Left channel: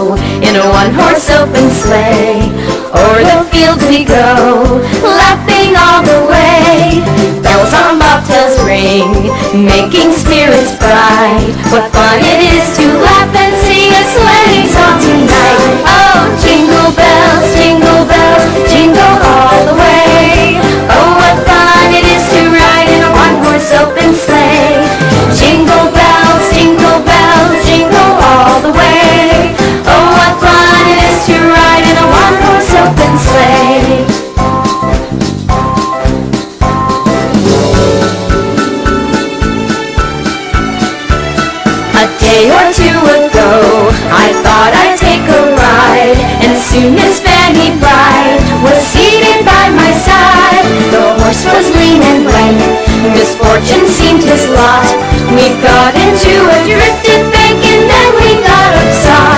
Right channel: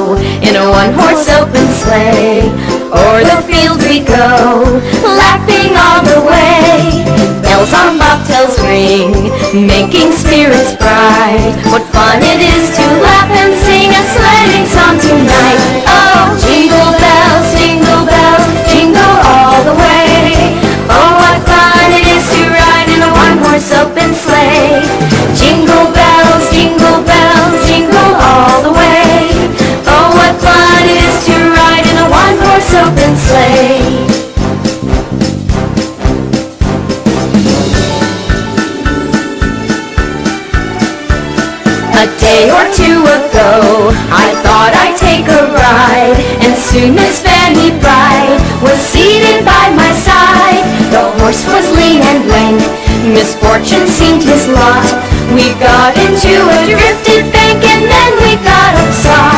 go in a one-horse open sleigh. O'er the fields we go, laughing all the way. Bells on bobtails ring, making spirits bright. What fun it is to laugh and sing a sledding song tonight. Oh, jingle bells, jingle all the way. Oh, what fun it is to ride in a one-horse open sleigh. Jingle bells, jingle all the way. Oh, what fun it is to ride in a one-horse open sleigh. A day or two ago, I thought I'd take a ride, and soon Miss Fanny Bright was seated by my side. The horse was lean and lank, misfortune seemed his lot. We got into a drifted bank and then we got upside.